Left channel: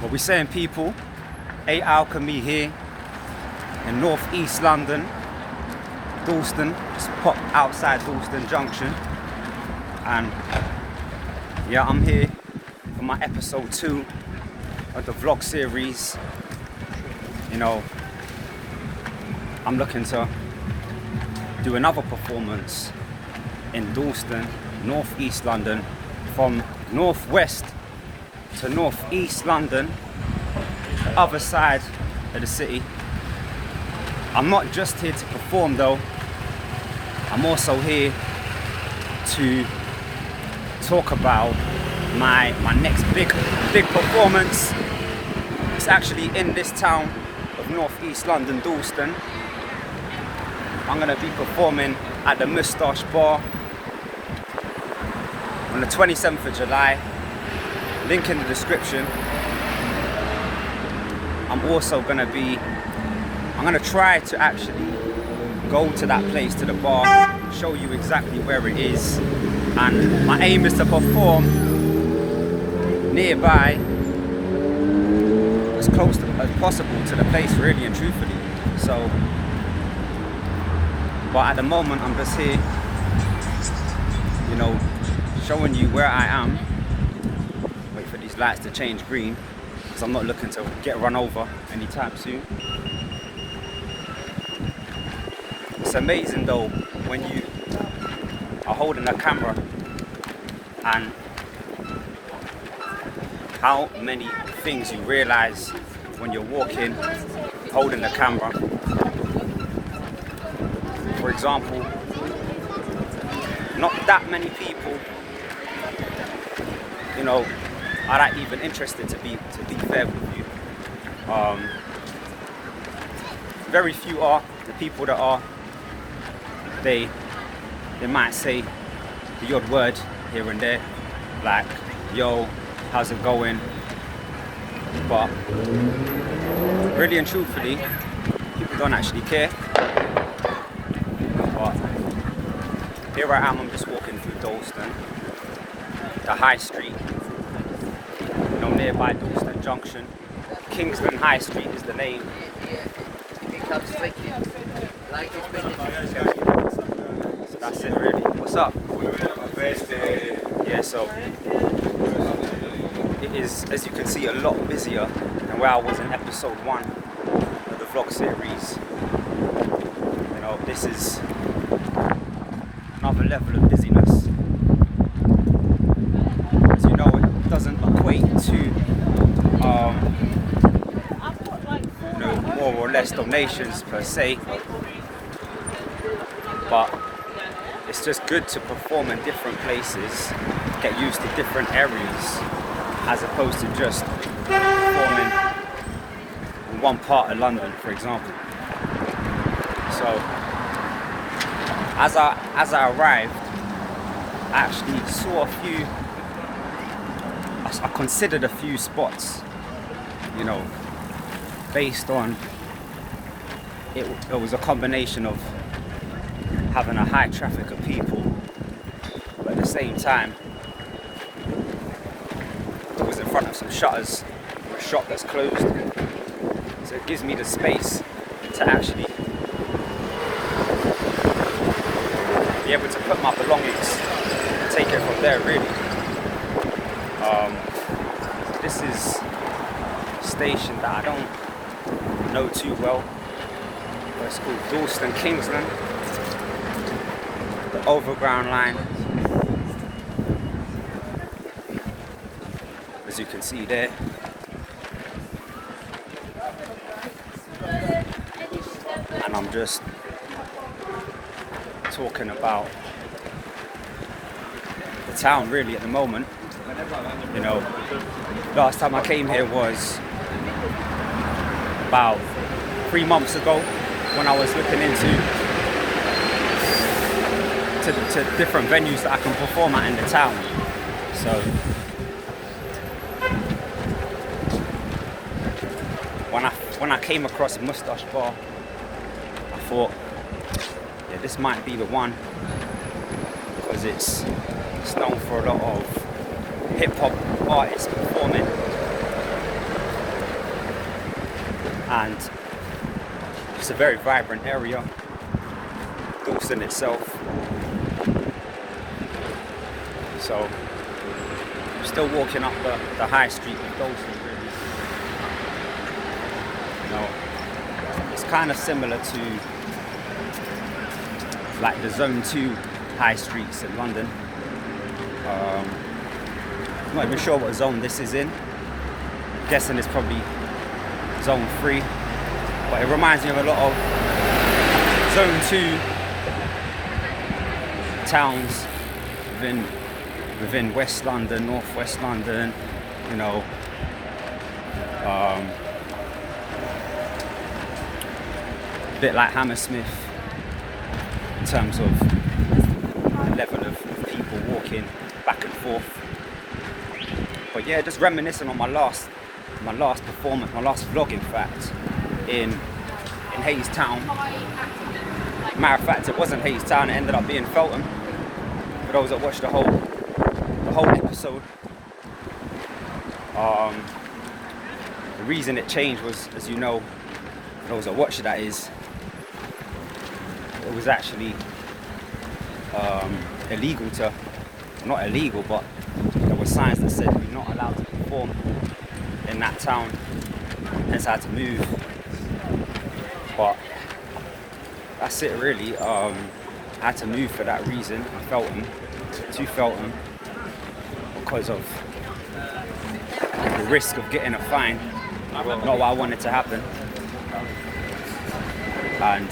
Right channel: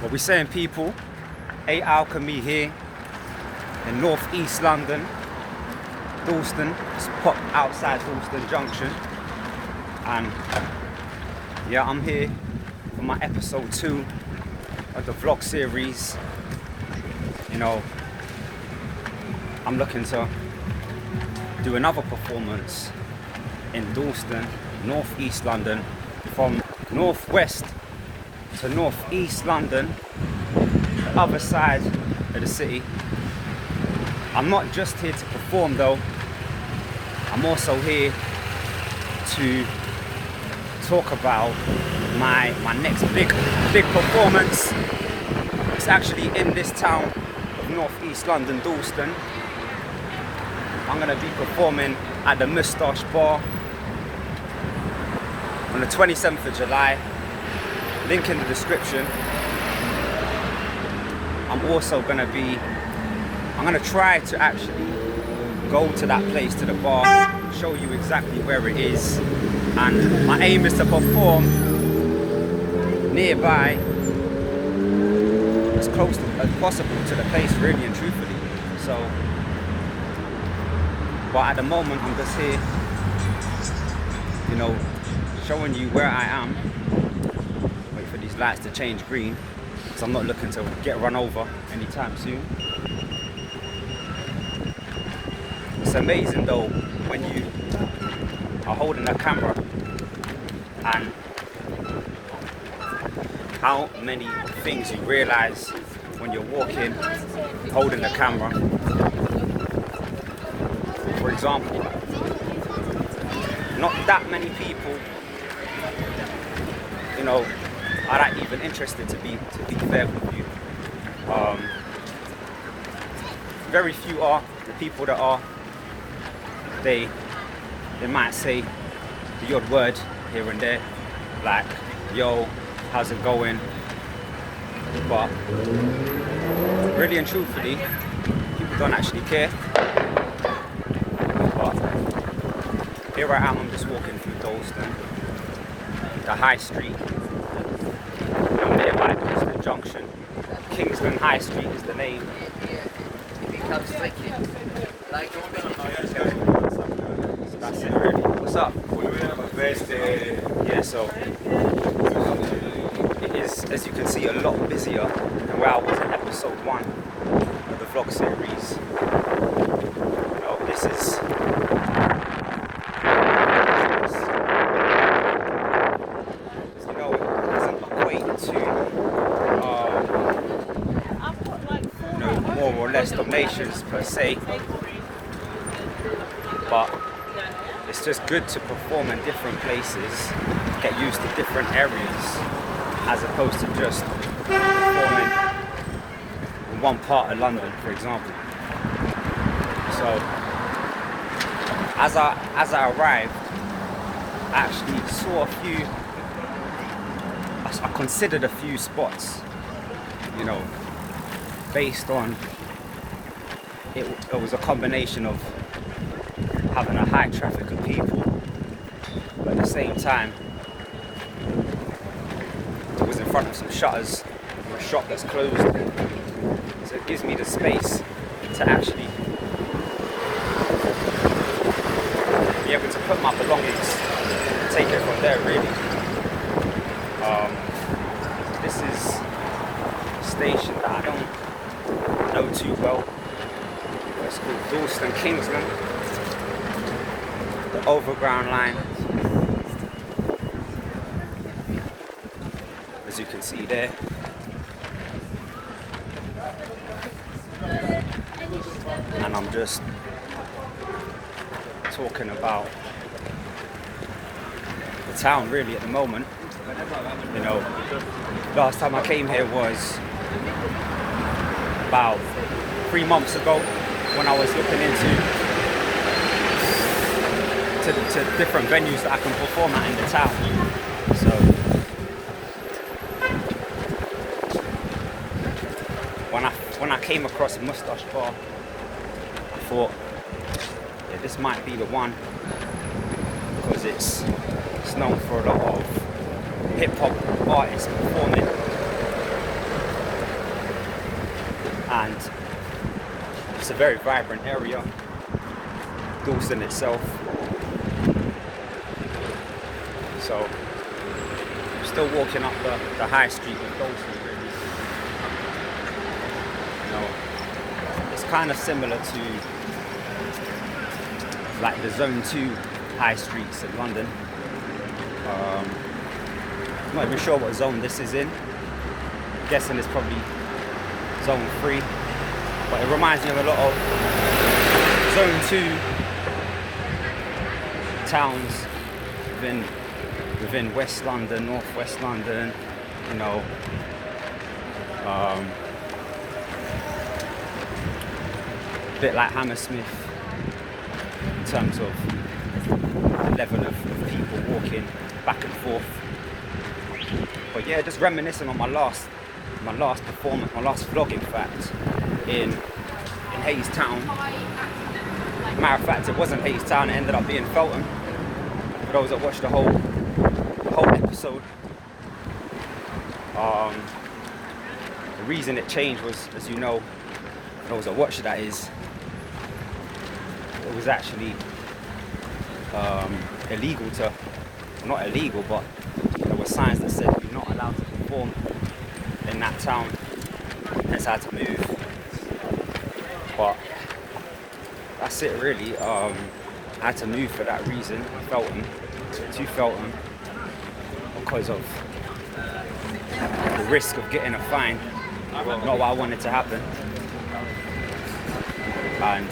What we saying, people? Alchemy here in northeast London, Dalston. Just pop outside Dalston Junction, and yeah, I'm here for my episode 2 of the vlog series. You know, I'm looking to do another performance in Dalston, northeast London, from northwest to northeast London, the other side of the city. I'm not just here to perform though, I'm also here to talk about my next big performance. It's actually in this town of northeast London, Dalston. I'm going to be performing at the Moustache Bar on the 27th of July. Link in the description. I'm going to try to actually go to that place, to the bar, show you exactly where it is, and my aim is to perform nearby, as close as possible to the place, really and truthfully. So, but at the moment I'm just here, you know, showing you where I am. Wait for these lights to change green, because I'm not looking to get run over anytime soon. It's amazing though when you are holding a camera and how many things you realize when you're walking, holding the camera. For example, not that many people, you know, are that even interested, to be fair with you. Very few are. The people that are, they might say the odd word here and there, like, yo, how's it going? But really and truthfully, people don't actually care. But here I am, I'm just walking through Dalston, the High Street. I'm nearby Busking Junction. Kingston High Street is the name. So that's it really. What's up? Yeah, so it is, as you can see, a lot busier than where I was in episode 1 of the vlog series. You know, this is so, you know, it doesn't equate to you know, more or less donations per se, but it's just good to perform in different places, get used to different areas, as opposed to just performing in one part of London, for example. So as I arrived, I actually saw I considered a few spots, you know, based on it was a combination of having a high traffic of people, but at the same time it was in front of some shutters and a shop that's closed, so it gives me the space to actually be able to put my belongings and take it from there, really. This is a station that I don't know too well. It's called Dalston Kingsland, the overground line, as you can see there. And I'm just talking about the town really at the moment. You know, last time I came here was about 3 months ago, when I was looking into to different venues that I can perform at in the town. So when I came across the Moustache Bar, I thought, yeah, this might be the one, because it's known for a lot of hip hop artists performing. and it's a very vibrant area, Dalston itself. So I'm still walking up the high street of Dalston. You know, it's kind of similar to like the Zone 2 high streets in London. I'm not even sure what zone this is in. I'm guessing it's probably Zone 3, but it reminds me of a lot of Zone 2 towns within West London, North West London, you know. A bit like Hammersmith in terms of level of people walking back and forth. But yeah, just reminiscing on my last performance, my last vlog in fact, in Hayes Town. Matter of fact, it wasn't Hayes Town, it ended up being Felton. For those that watched the whole episode. The reason it changed was, as you know, for those that watched that, is it was actually illegal to, not illegal, but there were signs that said you're not allowed to perform in that town, hence I had to move. But that's it really. I had to move for that reason to Felton, because of the risk of getting a fine, not what I wanted to happen. And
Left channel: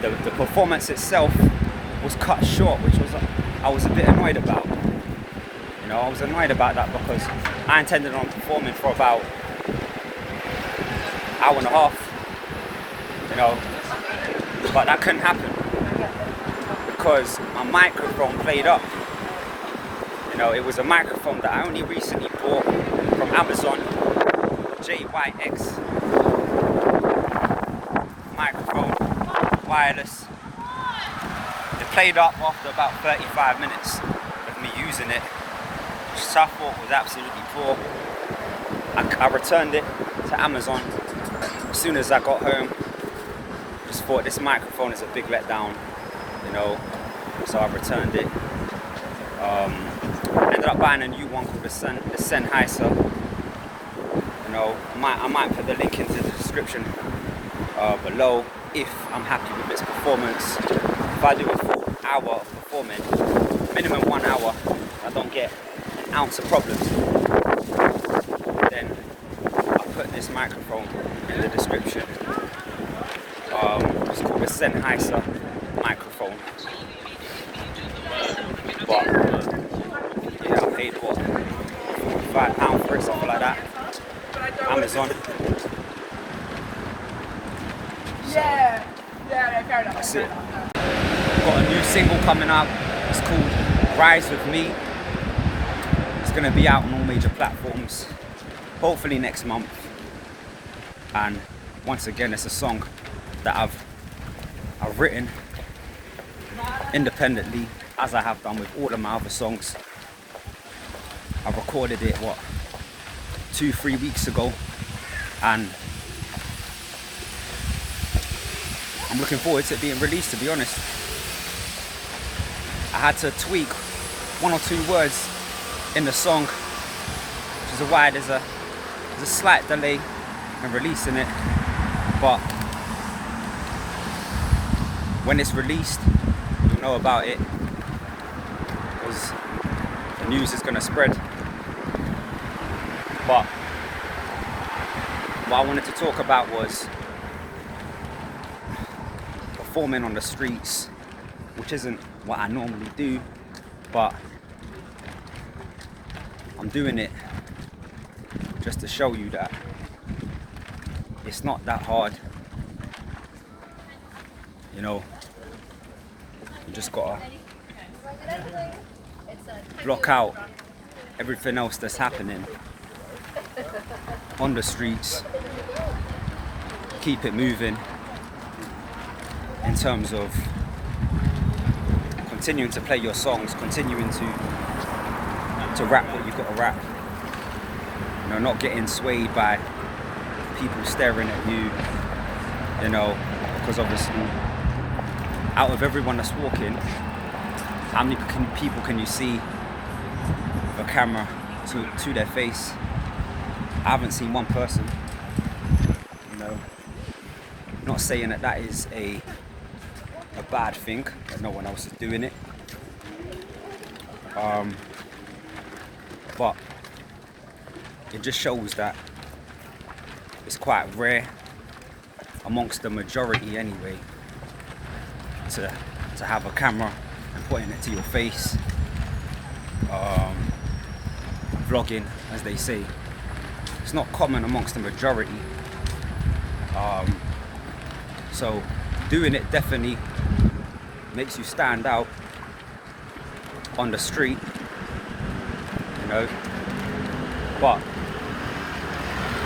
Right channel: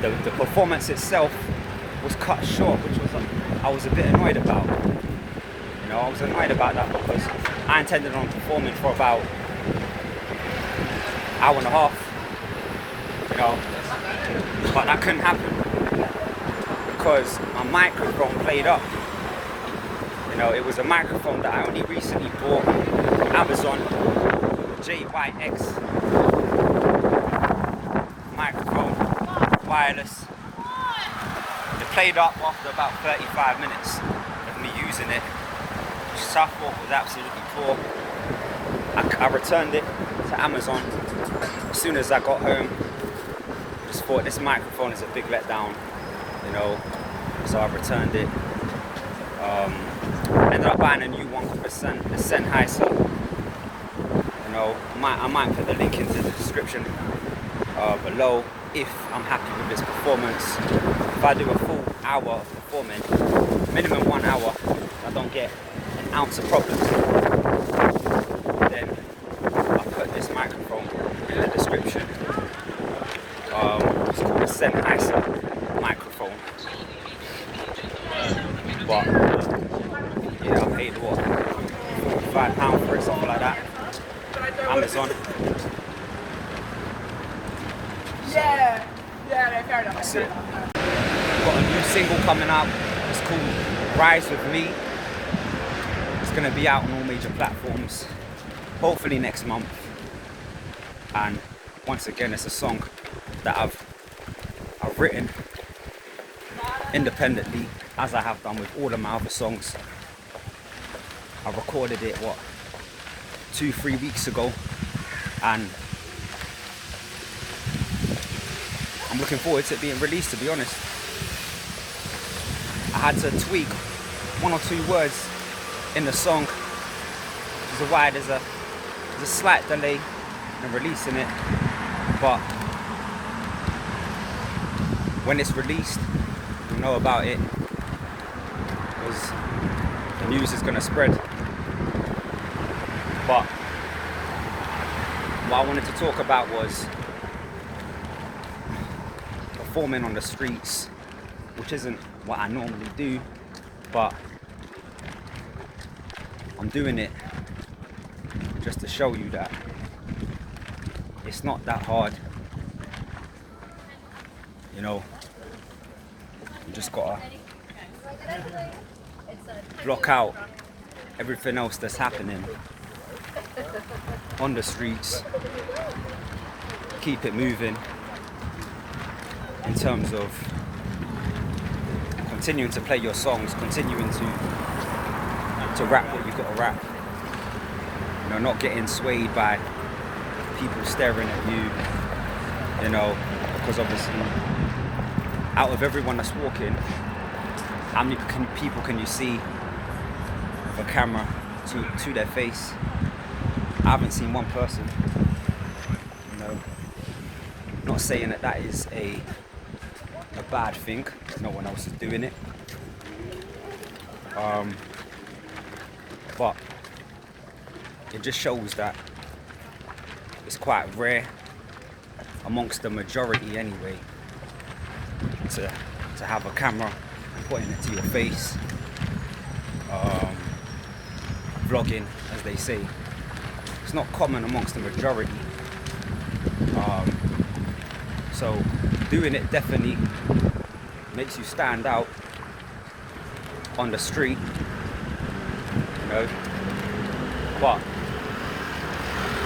the performance itself was cut short, which I was a bit annoyed about. You know, I was annoyed about that because I intended on performing for about an hour and a half, you know, but that couldn't happen because my microphone played up. You know, it was a microphone that I only recently bought from Amazon, JYX microphone, wireless. It played up after about 35 minutes of me using it. So I thought was absolutely poor. I returned it to Amazon as soon as I got home. Just thought this microphone is a big letdown, you know. So I returned it. Ended up buying a new one called the Sennheiser. You know, I might put the link into the description below if I'm happy with this performance. If I do a full hour of performing, minimum 1 hour, I don't get an ounce of problems, then I'll put this microphone in the description. It's called the Sennheiser microphone. But yeah, I paid what, £45 for it, something like that. Amazon. Yeah, that's it. Got a new single coming out. It's called Rise With Me. It's gonna be out on all major platforms, hopefully next month. And once again, it's a song that I've written independently, as I have done with all of my other songs. I recorded it 2-3 weeks ago, and I'm looking forward to it being released, to be honest. I had to tweak 1 or 2 words in the song, which is why there's a slight delay in releasing it, but when it's released, you'll know about it, because the news is going to spread. But what I wanted to talk about was performing on the streets, which isn't what I normally do, but I'm doing it just to show you that it's not that hard. You know, you just gotta block out everything else that's happening on the streets, keep it moving in terms of continuing to play your songs, continuing to rap what you've got to rap, You know, not getting swayed by people staring at you, you know, because obviously out of everyone that's walking, how many people can you see with a camera to their face? I haven't seen one person, you know. Not saying that that is a bad thing, that no one else is doing it. But it just shows that it's quite rare amongst the majority anyway to have a camera and putting it to your face, vlogging as they say. It's not common amongst the majority, so doing it definitely makes you stand out on the street, you know. But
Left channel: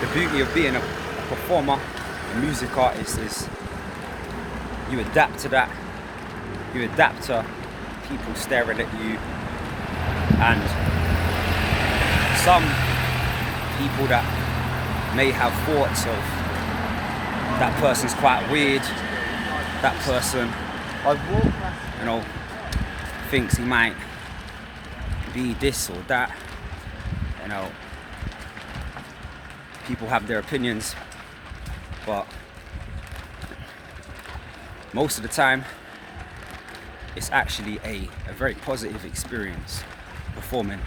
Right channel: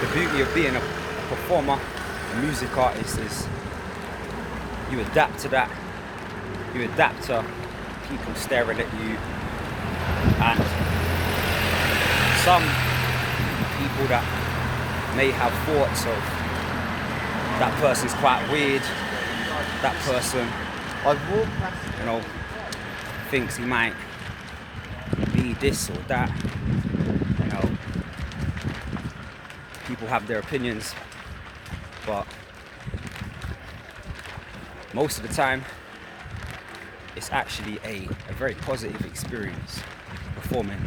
the beauty of being a performer, a music artist, is you adapt to that. You adapt to people staring at you, and some people that may have thoughts of that person's quite weird, that person, you know, thinks he might be this or that, you know. People have their opinions, but most of the time it's actually a very positive experience performing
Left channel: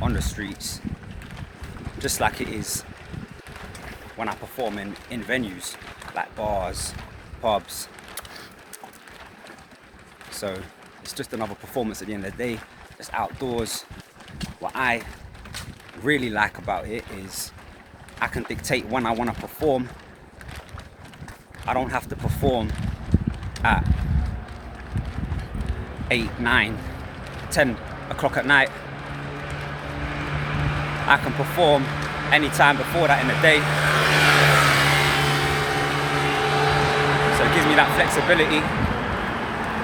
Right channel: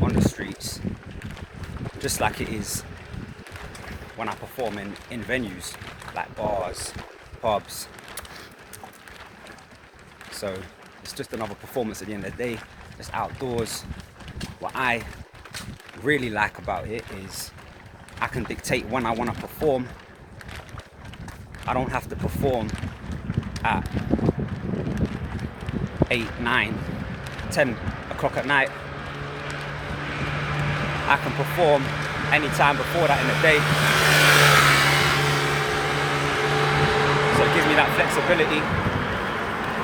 on the streets, just like it is when I perform in venues like bars, pubs. So it's just another performance at the end of the day. It's outdoors. What I really like about it is I can dictate when I want to perform. I don't have to perform at 8, 9, 10 o'clock at night. I can perform any time before that in the day. So it gives me that flexibility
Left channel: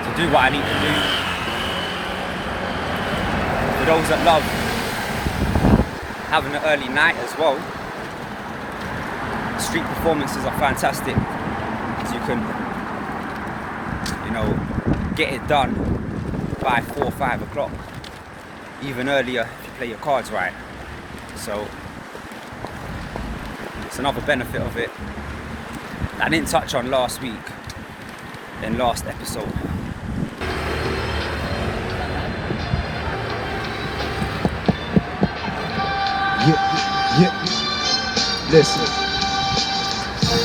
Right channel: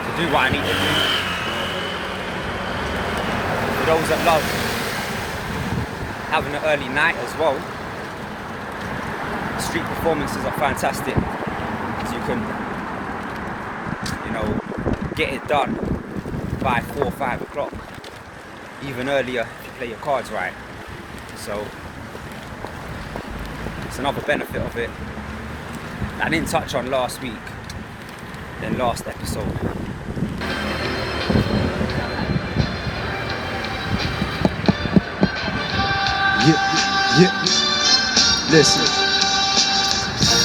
to do what I need to do. For those that love having an early night as well, street performances are fantastic. You can, you know, get it done by 4 or 5 o'clock, even earlier if you play your cards right. So it's another benefit of it that I didn't touch on last week in last episode. Yeah. Listen.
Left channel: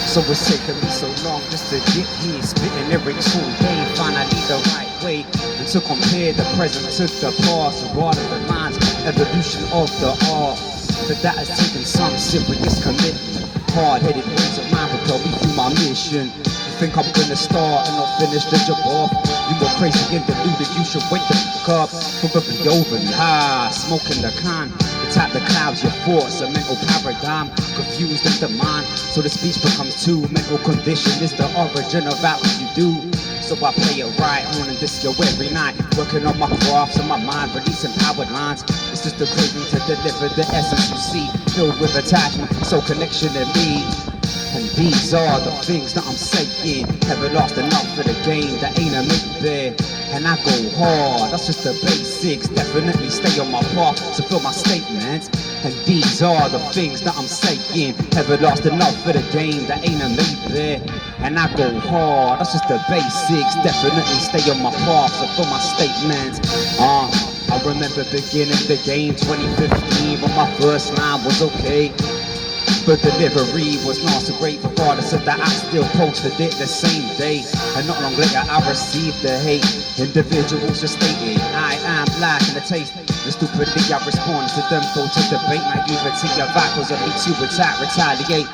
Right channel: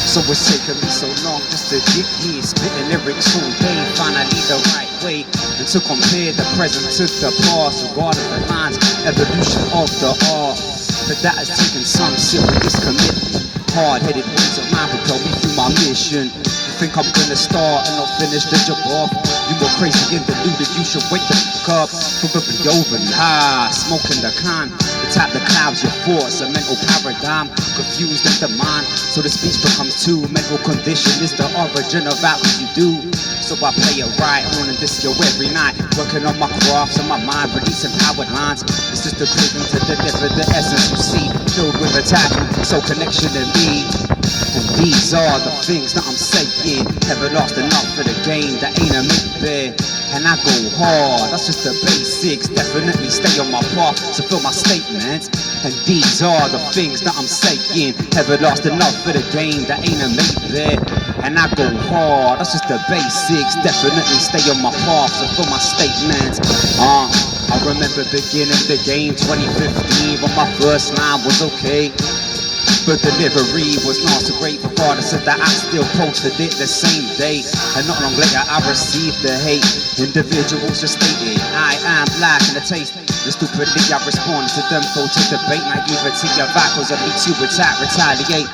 So it's taken me so long just to get here, spitting lyrics all day, finally the right way, and to compare the present to the past, regarding the lines, evolution of the art. But that has taken some serious commitment. Hard-headed ways of mine propel me through my mission. You think I'm gonna start and not finish the job off? You more crazy and deluded, you should wake the fuck up. Probably over and high, smoking the can. Tap the clouds, your thoughts, a mental paradigm, confused in the mind, so the speech becomes too. Mental condition is the origin of what you do. So I play it right on and this yo every night, working on my crafts and my mind, releasing powered lines. It's just a craving to deliver the essence you see, filled with attachment, so connection in me. And these are the things that I'm saying. Never lost enough for the game, that ain't a make there. And I go hard, that's just the basics. Definitely stay on my path, so fill my statements. And these are the things that I'm saying. Never lost enough for the game, that ain't a make there. And I go hard, that's just the basics. Definitely stay on my path, so fill my statements. I remember beginning the game 2015 when my first line was okay, but delivery was not so great. Regardless of that, I still posted it the same day. And not long later, I received the hate. Individuals just stated, I am black in the taste. And stupidly, I responded to them, throw to debate. Naivety of vocals of me to attack, retaliate.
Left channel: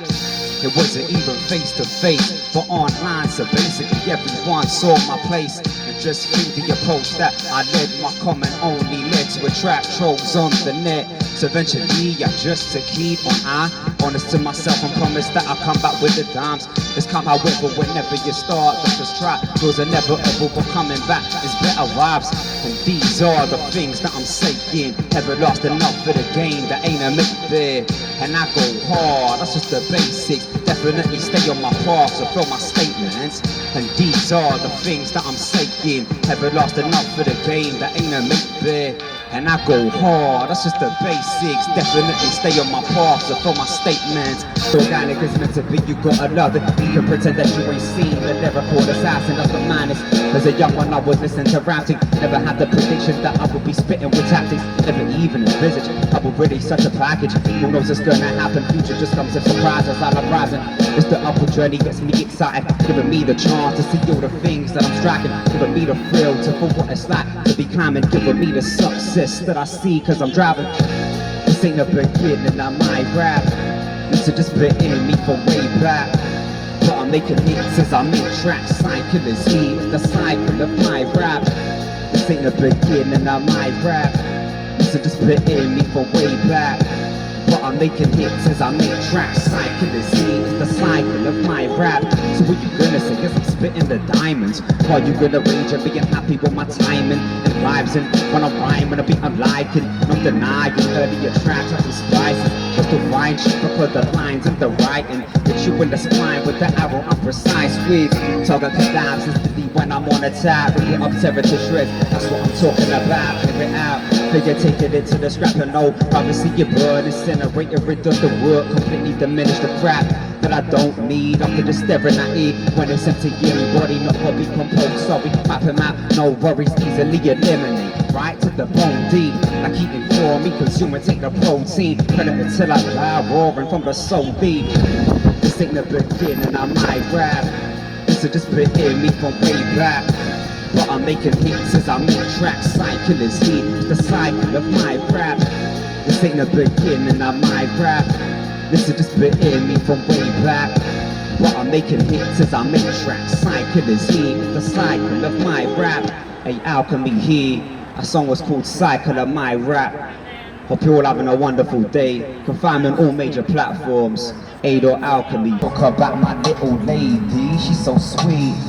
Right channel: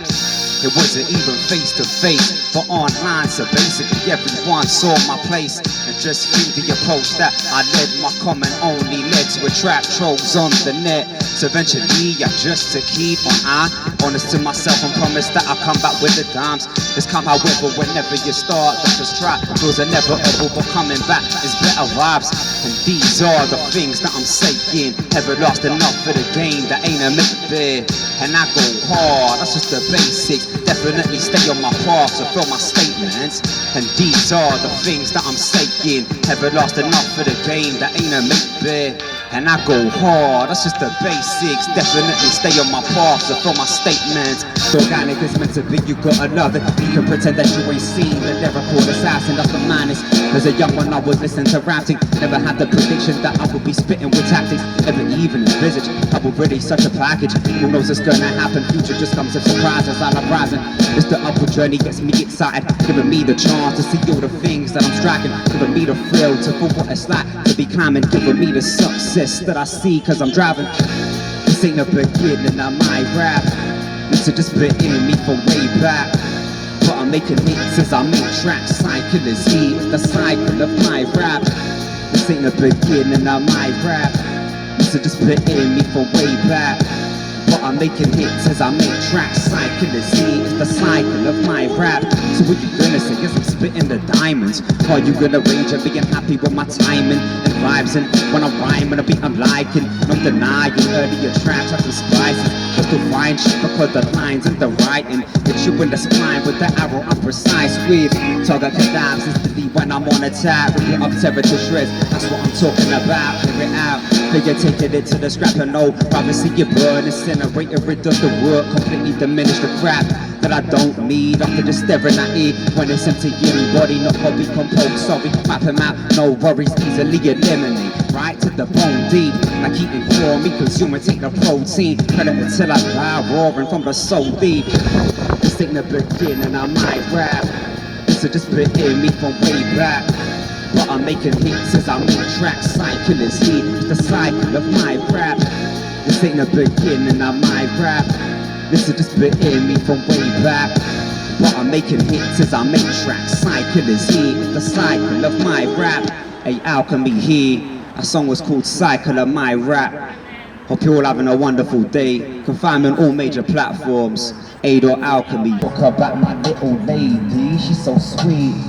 It wasn't even face to face, but online, so basically everyone saw my place. And just through the approach that I led, my comment only led to attract trolls on the net. So eventually I just to keep on honest to myself and promise that I'll come back with the dimes. It's come however whenever you start, the first try feels inevitable, but coming back is better vibes. And these are the things that I'm saying. Never lost enough for the game that ain't a make fair. And I go hard, that's just the basics. Definitely stay on my path, so fill my statements. And these are the things that I'm saying. Never lost enough for the game that ain't a make fair. And I go hard, that's just the basics. Definitely stay on my path, so fill my statements. Organic is meant to be, you gotta love it. You can pretend that you ain't seen the lyrical assassin, that's the madness. As a young one I was listening to rapping. Never had the prediction that I would be spitting with tactics. Never even envisaged I would release such a package. Who knows what's gonna happen, future just comes as surprises. I love rising, it's the upward journey gets me excited. Giving me the chance to see all the things that I'm striking. Giving me the thrill to feel what it's like to be climbing. Giving me the success that I see cause I'm driving. This ain't a beginning of my rap. Used to just spit in me from way back. But I'm making hits as I make tracks. Cycle is heat, it's the cycle of my rap. This ain't the beginning of my rap. Used to just spit in me from way back. But I'm making hits as I make tracks. Cycle is heat, it's the cycle of my rap. So what you gonna say? Yes, I'm spitting the diamonds. Are you gonna rage and being happy with my timing and vibes? And when I'm rhyming, a beat I'm liking. Not denying earlier tracks, I spices. Just to find shit because the lines and the writing. Hit you in the spine with the arrow I'm precise with. Target collapse instantly when I'm on attack. Rip it up, tear it to shreds. That's what I'm talking about. Clear it out. You're taking it to the scrap and no. Rather see you burn, incinerate it, rid of the work. Completely diminish the crap that I don't need. After just staring at it when it's empty in body, not hobby composed. Sorry, map him out, no worries, easily eliminate. Right to the bone deep. I keep informing me, consuming, take the protein. Predator till I die, roaring from the soul deep. This ain't the beginning of my rap. This is just bit in me from way back. But I'm making hits as I make tracks. Cycle is heat, it's the cycle of my rap. This ain't the beginning of my rap. This is just bit in me from way back. But I'm making hits as I make tracks. Cycle is heat, it's the cycle of my rap. Hey, Alchemy here. A song was called Cycle of My Rap. Hope you're all having a wonderful day. Can find me on all major platforms. Aid or Alchemy. Talk about my little lady, she's so sweet.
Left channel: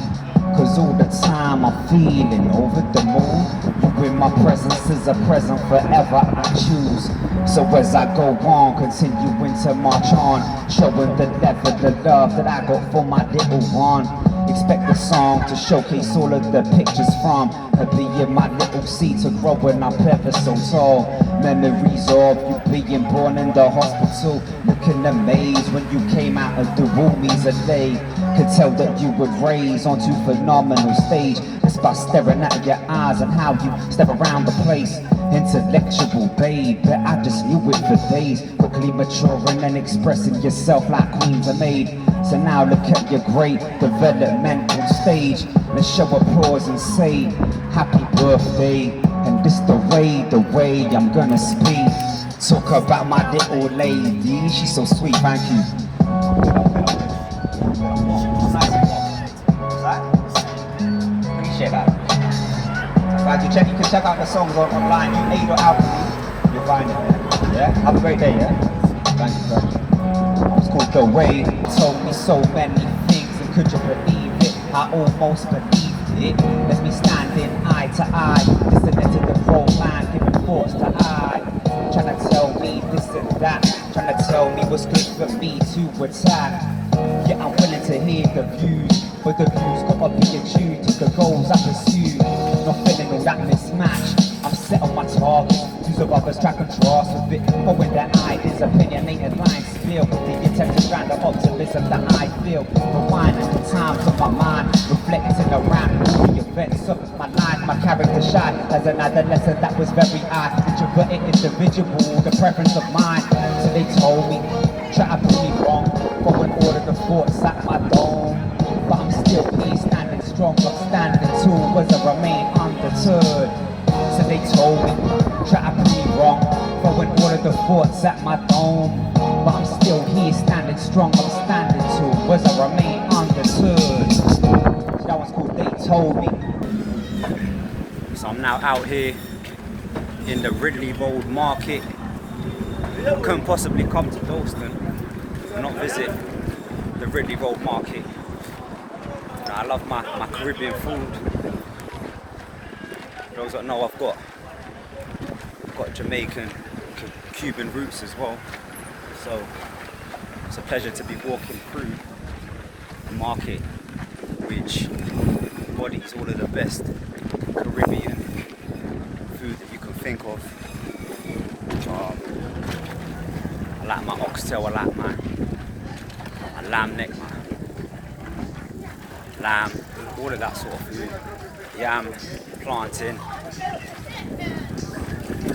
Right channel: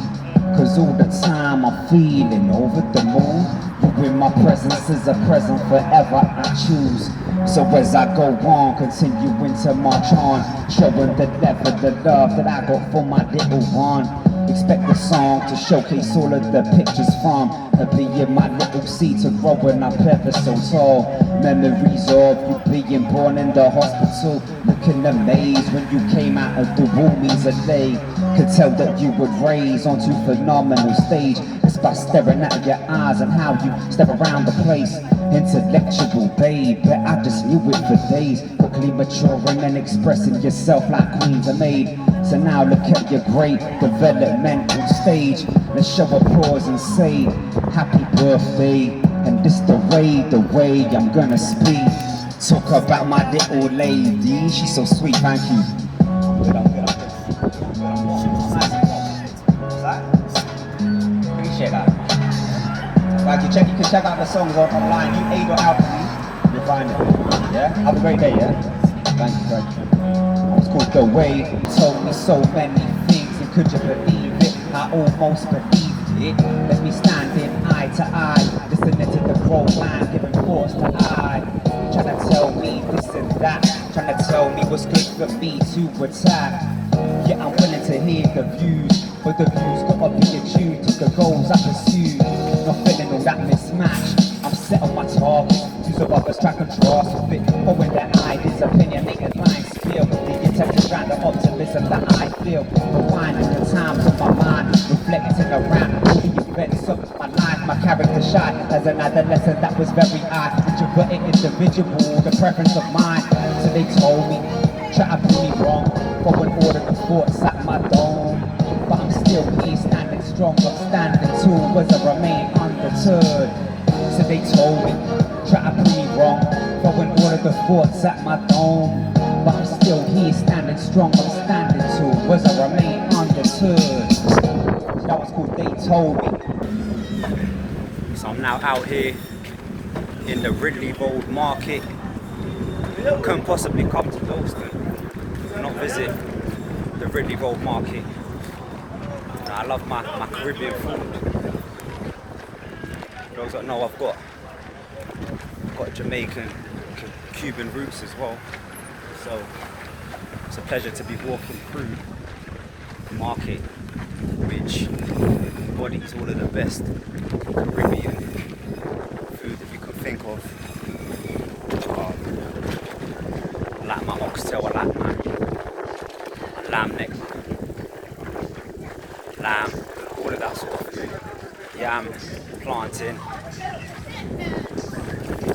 Cause all the time I'm feeling over the moon. You in my presence is a present forever I choose. So as I go on, continuing to march on, showing the level, the love that I got for my little one. Expect the song to showcase all of the pictures from her being my little seed to growing up ever so tall. Memories of you being born in the hospital, looking amazed when you came out of the womb easily. Could tell that you would raise onto phenomenal stage just by staring at your eyes and how you step around the place. Intellectual babe, but I just knew it for days. Quickly maturing and expressing yourself like queens are made. So now look at your great developmental stage. Let's show applause and say happy birthday. And this the way I'm gonna speak. Talk about my little lady, she's so sweet, thank you. Appreciate that. Like you can check out the songs online. You Aid or Alchemy, you'll find it. Yeah. Have a great day. Yeah. Thank you very much. It's called The Way. Told me so many things, and could you believe it? I almost believed it. Let me standing eye to eye, listening to the romance, giving thoughts to I. Trying to tell me this and that, trying to tell me what's good for me to attack. Yeah, I'm willing to hear the views, but the views gotta be attuned to the goals I pursue. Not feeling all that mismatch. I'm set on my target. Use of others track contrast with it. Knowing that I is opinionated lines spill. The attempt to drown the optimism that I feel. Rewinding the times of my mind, reflecting around all the events of my life. My character shy as an adolescent that was very introverted individual, the preference of mine. So they told me, try to prove me wrong. Go and order the thoughts at my dome. But I'm still here standing strong, I'm standing tall as I remain undeterred. So they told me, try to prove me wrong. Go and order the thoughts at my dome. But I'm still here standing strong, I'm standing tall as I remain undeterred. That one's called They Told Me. So I'm now out here in the Ridley Road Market. Couldn't possibly come to Dalston and not visit the Ridley Road Market. I love my Caribbean food. For those that know, I've got Jamaican, Cuban roots as well. So it's a pleasure to be walking through a market which embodies all of the best Caribbean food that you can think of. I like my oxtail, I like my lamb neck, lamb, all of that sort of food. Yam, plantain.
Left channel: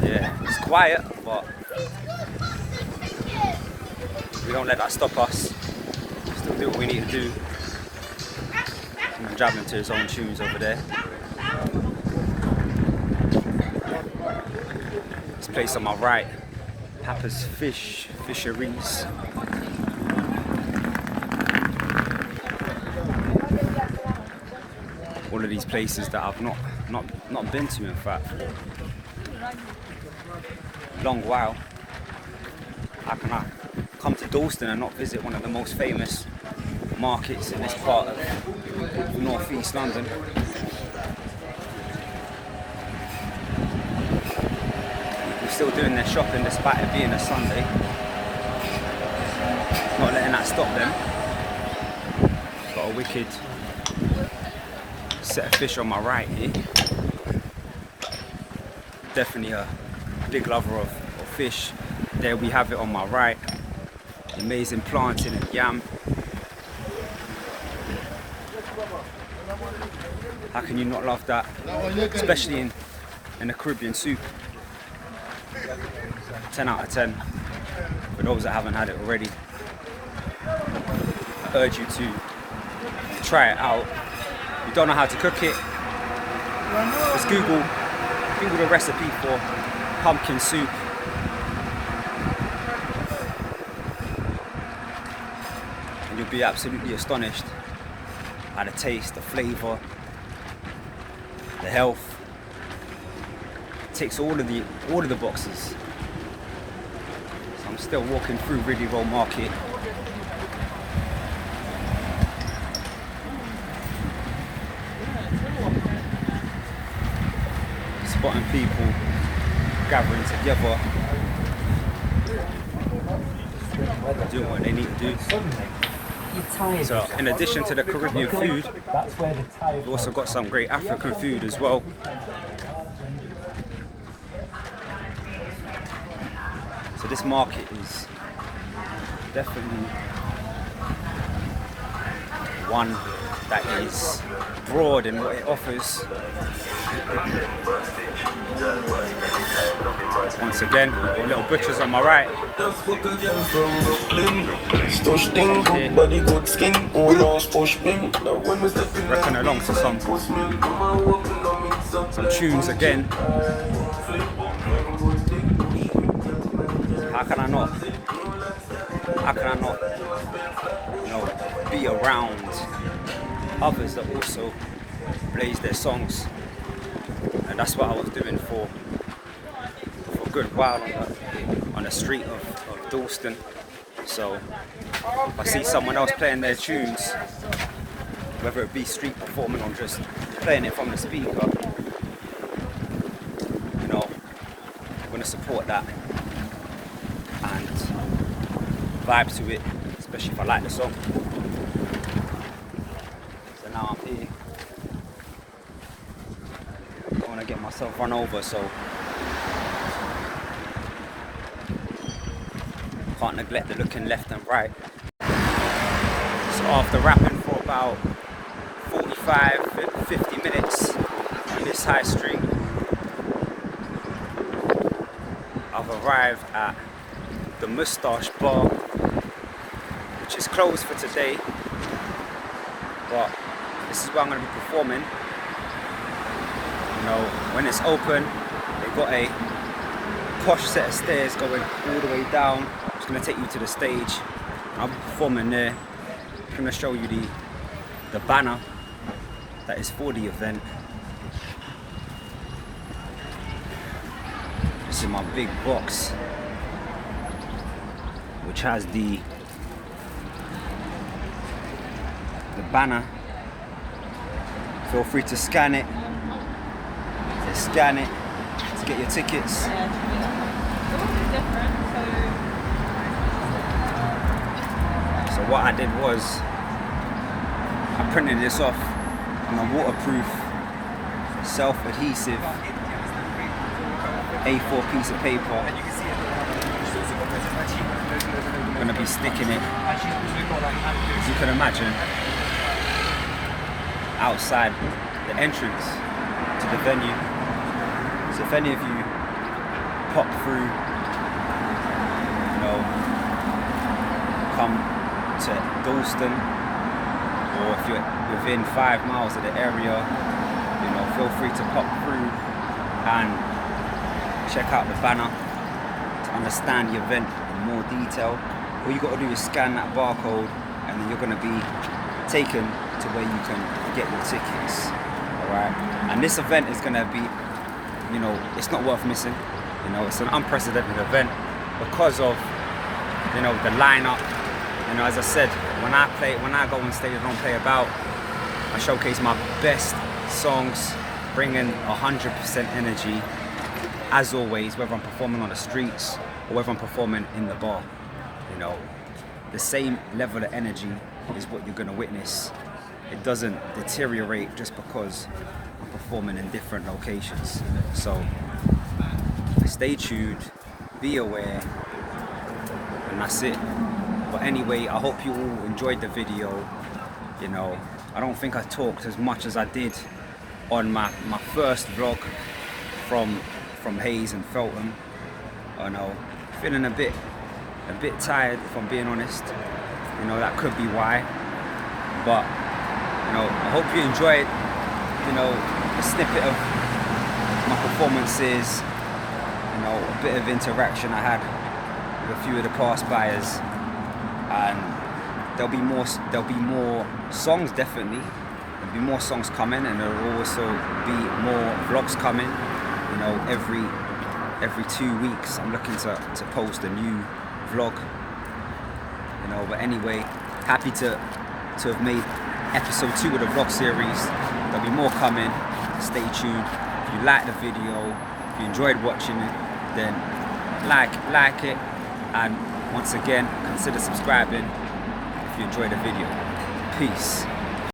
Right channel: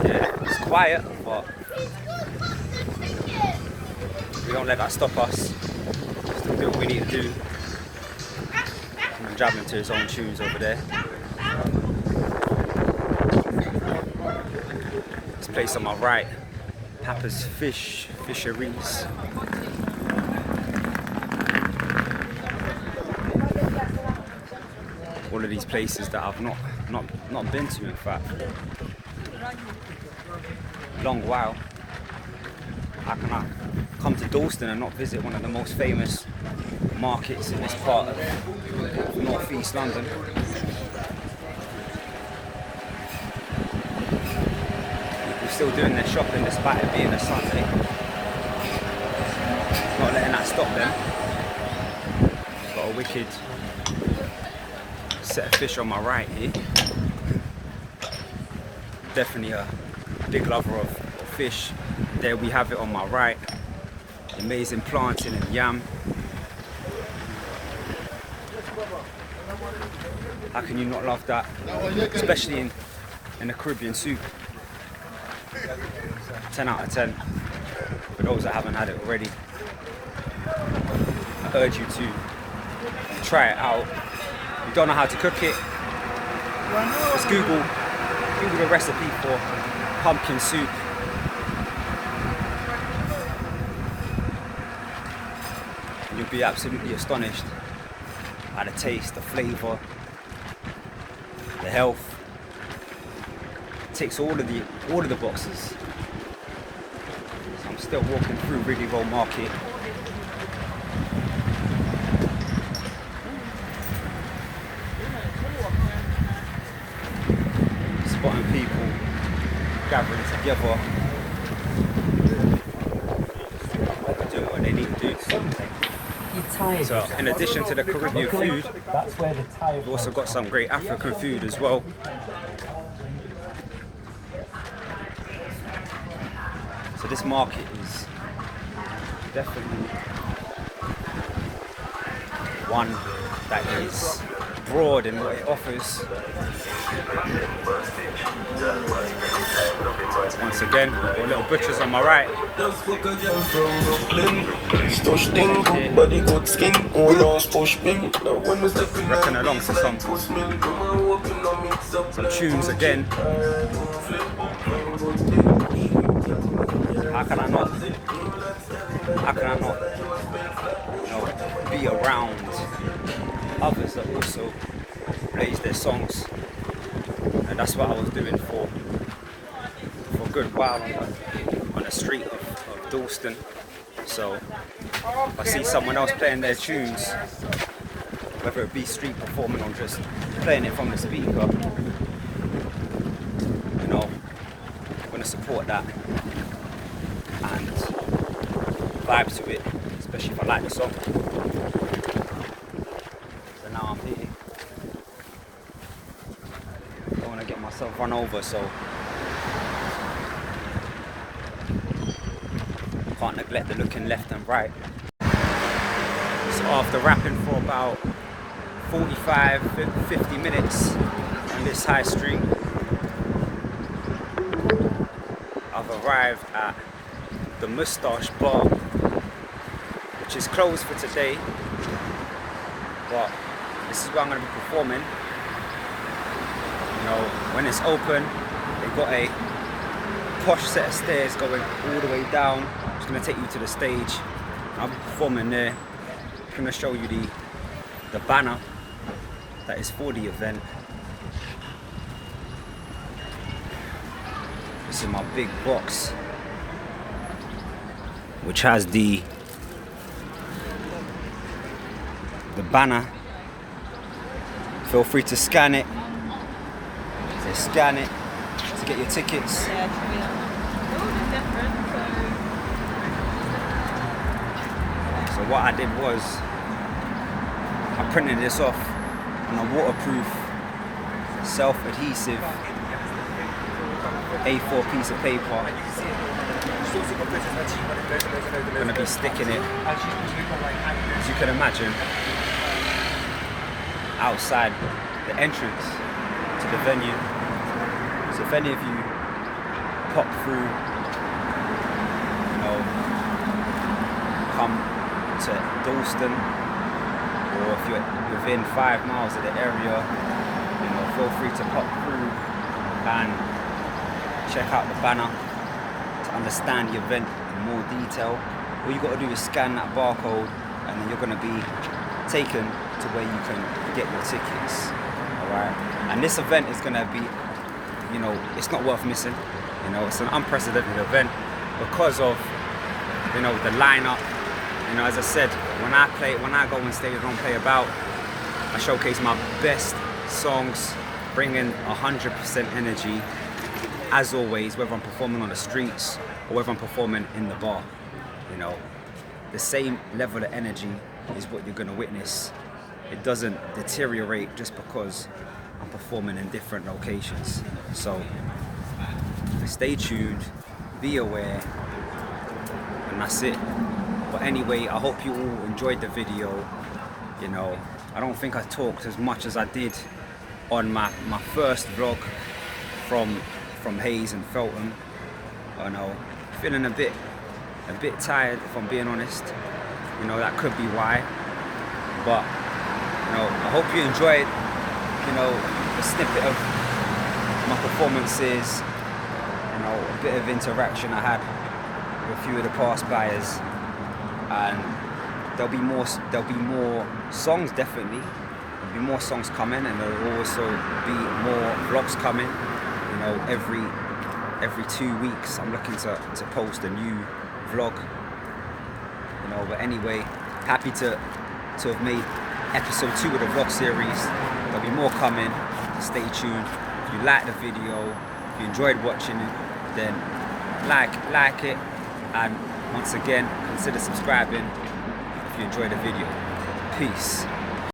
Yeah, it's quiet, but we don't let that stop us. Still do what we need to do. I'm jabbing to his own tunes over there. This place on my right, Papa's Fisheries. All of these places that I've not been to, in fact. Long while. How can I come to Dalston and not visit one of the most famous markets in this part of northeast London? We're still doing their shopping despite it being a Sunday. Not letting that stop them. Got a wicked set of fish on my right here. Definitely a big lover of fish. There we have it on my right. Amazing plantain and yam. How can you not love that? Especially in a Caribbean soup. 10 out of 10 for those that haven't had it already. I urge you to try it out. If you don't know how to cook it, just Google the recipe for pumpkin soup. And you'll be absolutely astonished by the taste, the flavour, the health. It ticks all of the boxes. So I'm still walking through Ridley Road Market. Spotting people gathering together, doing what they need to do. So in addition to the Caribbean food, we've also got some great African food as well. So this market is definitely one that is broad in what it offers. Once again, got little butchers on my right. Reckon along to some tunes again. How can I not, be around others that also plays their songs? And that's what I was doing for a good while on the street of Dalston. So if I see someone else playing their tunes, whether it be street performing or just playing it from the speaker, I'm going to support that and vibe to it, especially if I like the song. So now I'm here. I don't want to get myself run over, so can't neglect the looking left and right. So after rapping for about 45-50 minutes on this high street, I've arrived at the Moustache Bar, which is closed for today, but this is where I'm going to be performing. When it's open, they've got a posh set of stairs going all the way down. It's going to take you to the stage. I'll be performing there. I'm going to show you the banner that is for the event. This is my big box, which has the banner. Feel free to scan it. They scan it to get your tickets. So what I did was I printed this off on a waterproof, self-adhesive A4 piece of paper. I'm gonna be sticking it, as you can imagine, outside the entrance to the venue. So if any of you pop through, you know, come to Dalston, or if you're within 5 miles of the area, you know, feel free to pop through and check out the banner to understand the event in more detail. All you got to do is scan that barcode, and then you're going to be taken to where you can get your tickets. Alright, and this event is going to be, you know, it's not worth missing. You know, it's an unprecedented event because of, you know, the lineup. You know, as I said, when I go on stage, I don't play about. I showcase my best songs, bringing 100% energy, as always, whether I'm performing on the streets or whether I'm performing in the bar. You know, the same level of energy is what you're gonna witness. It doesn't deteriorate just because I'm performing in different locations. So stay tuned, be aware, and that's it. But anyway, I hope you all enjoyed the video. You know, I don't think I talked as much as I did on my first vlog from Hayes and Feltham. I know, feeling a bit tired, if I'm being honest. You know, that could be why. But you know, I hope you enjoyed, you know, a snippet of my performances. You know, a bit of interaction I had with a few of the past buyers, and there'll be more songs, definitely. There'll be more songs coming, and there'll also be more vlogs coming. You know, every 2 weeks I'm looking to post a new vlog. You know, but anyway, happy to have made episode 2 of the vlog series. There'll be more coming. Stay tuned. If you like the video, if you enjoyed watching it, then like it, and once again, consider subscribing if you enjoyed the video. Peace.